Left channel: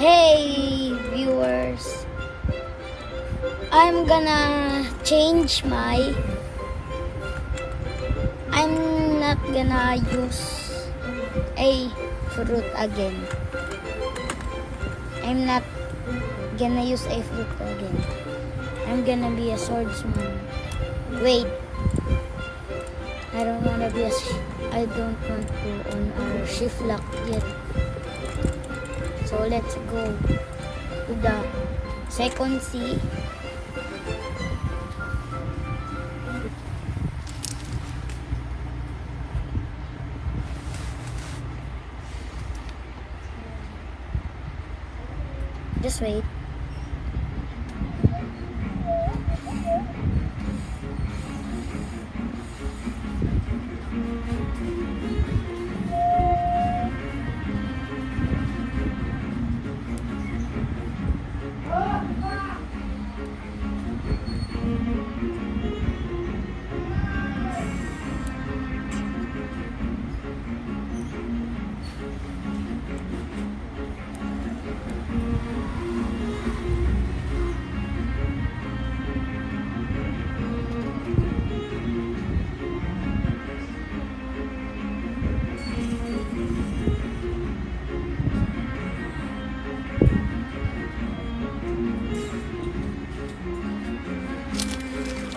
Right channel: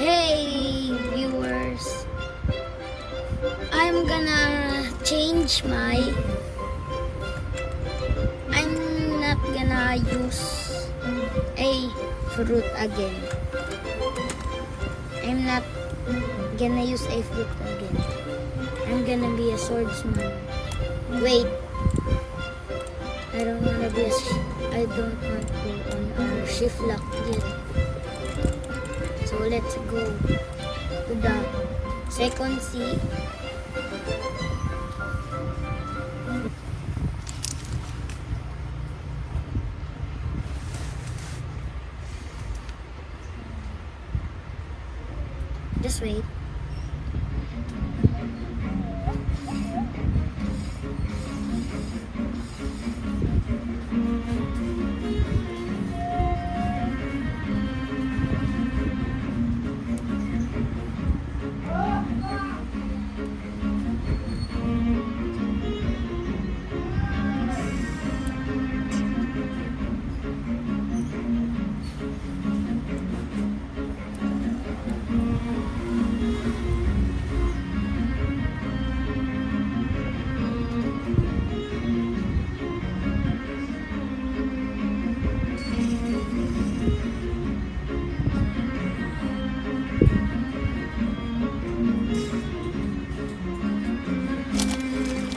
Hey viewers, I'm gonna change I'm not gonna use a fruit again. I'm not gonna use a fruit again. I'm gonna be a swordsman. Wait, I don't want to on our shift lock yet. So let's go to the second sea. Just wait.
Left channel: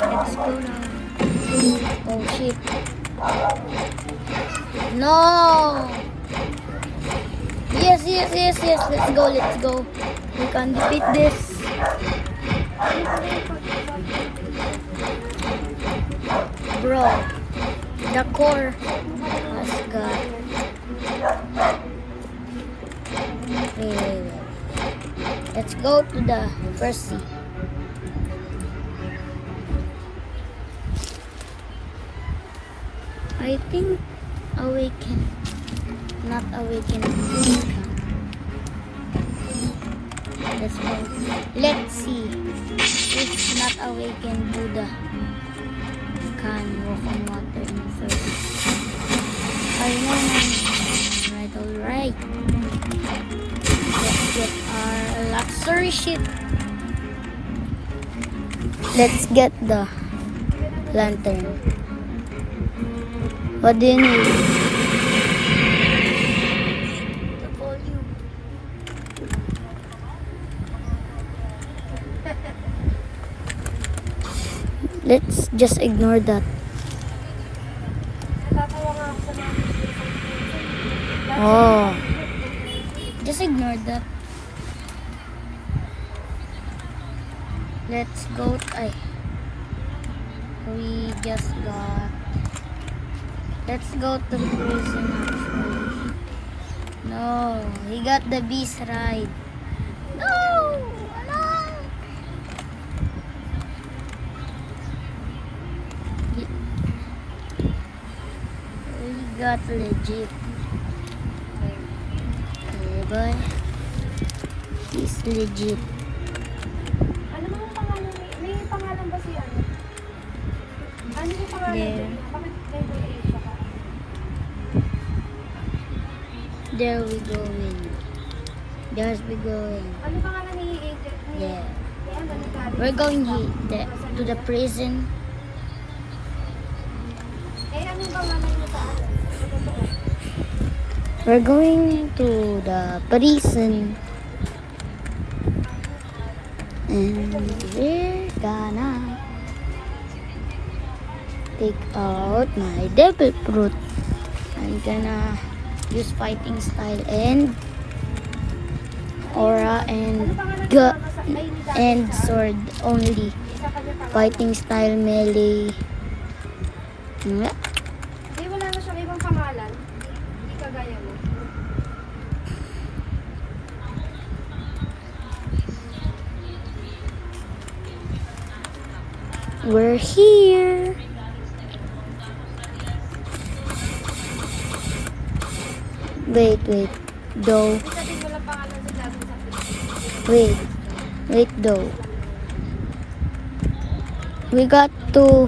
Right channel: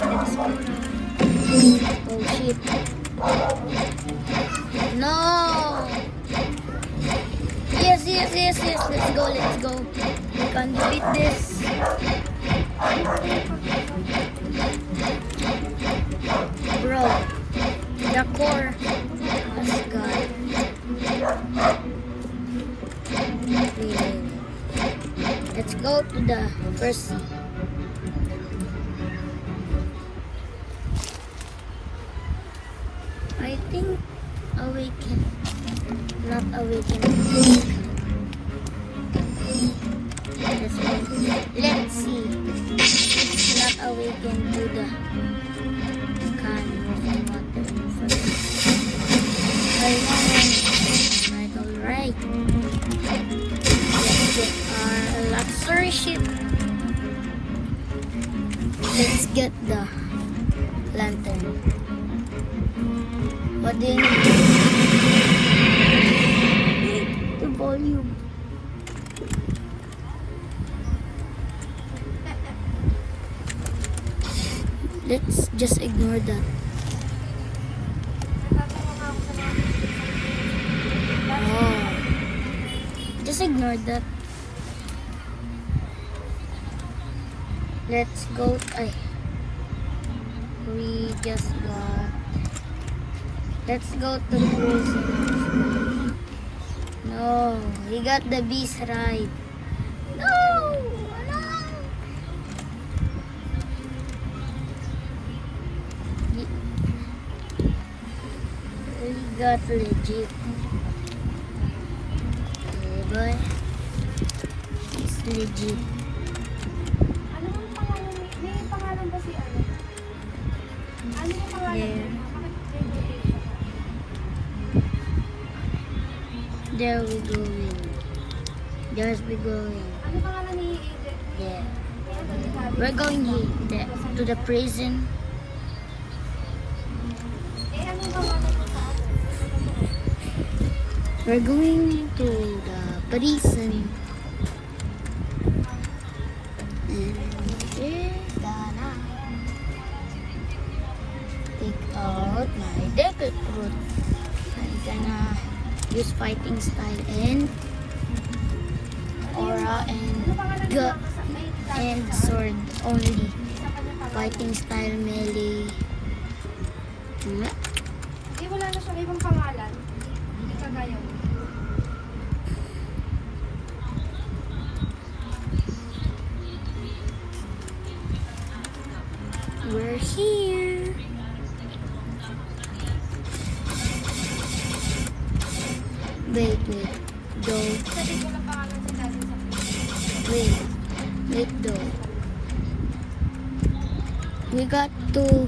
Let's go now. Oh shit. No! Yes. Let's go. We can defeat this. Bro, the core has got. Wait. Let's go to the first sea. I think awaken, not awaken. Let's go. Let's see. If not awaken Buddha can walk on water in first. I know. Right. Let's get our luxury ship. Let's get the lantern. What do you need? The volume. Let's just ignore that. Oh. Just ignore that. Let's go. We just got. Let's go to prison. No, we got the beast ride. No. We got legit. Okay, but it's legit. Ano mo pangalan? May pangalan ba si ano? Ano mo pangalan? Yeah. There we go. There's we going. Ano pangalan ni Yeah. We're going to the prison. Eh, ano pangalan mo sa? We're going to the prison. And we're gonna take out my devil fruit. I'm gonna use fighting style and aura and sword only. Fighting style melee. Hindi wala na siyang ibang pangalan. Hindi kagaya mo. We're here. Wait. Though. Sabi ko lang pangalan si Daddy. Wait though. We got to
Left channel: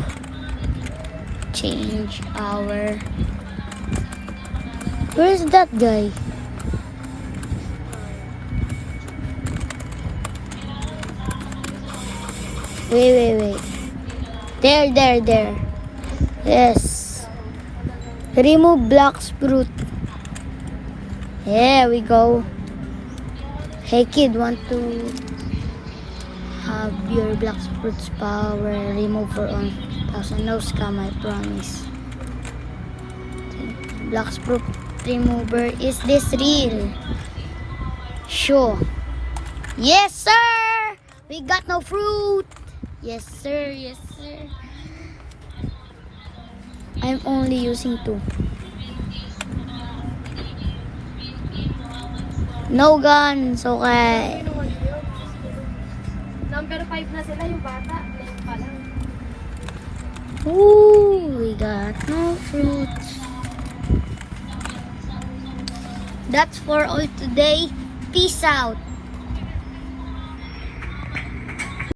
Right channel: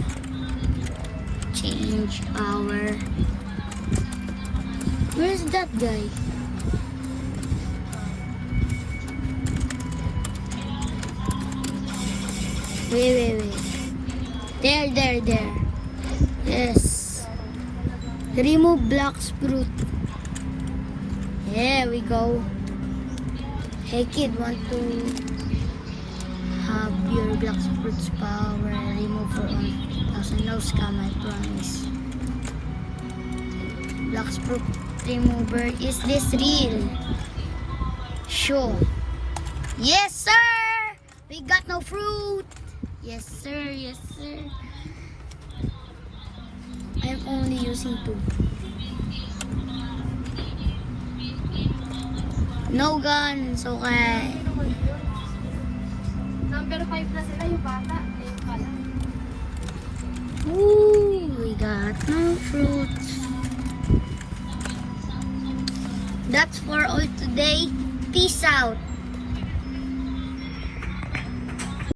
change our... Where's that guy? Wait. There. Yes. Remove black fruit. There we go. Hey kid, want to have your black fruit's power removed for 1,000? No scam, I promise. Black fruit remover, is this real? Sure. Yes, sir! We got no fruit! Yes, sir. I'm only using 2. No guns, okay. Number 5 na sila yung bata. Ayun pala. Ooh, we got no fruits. That's for all today. Peace out.